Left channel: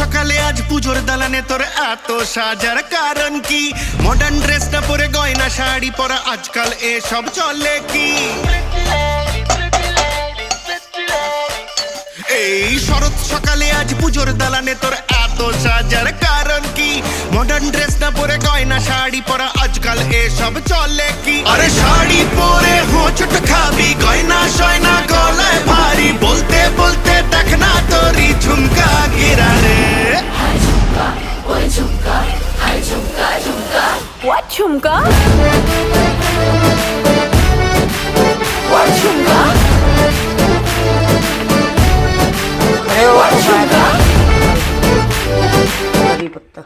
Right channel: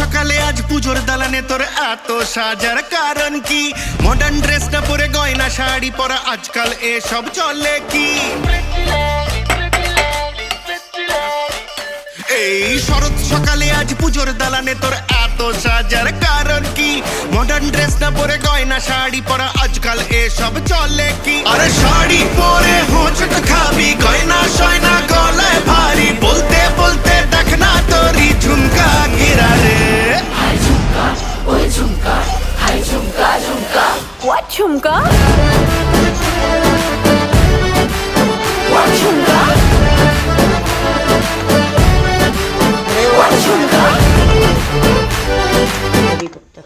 সকালে আজ পুজোর দালানে তোর এত সাজার কারণ কি? মডার্ন ড্রেস না পরে গয়না শাড়ি পরা আজকাল এসব চলে কি? এই শরৎ সকালে আজ পুজোর দালানে তোর এত সাজার কারণ কি? মডার্ন ড্রেস না পরে গয়না শাড়ি পরা আজকাল এসব চলে কি? আরে শাড়ি পরে হোঁচট খাবি, গয়না সয়না গলায় ভারী, বলতে বলতে দেখ না তোরই ঝুমকা গিরা রে। What jhumka? What jhumka? What ঝুমকা? कड़ी पत्ता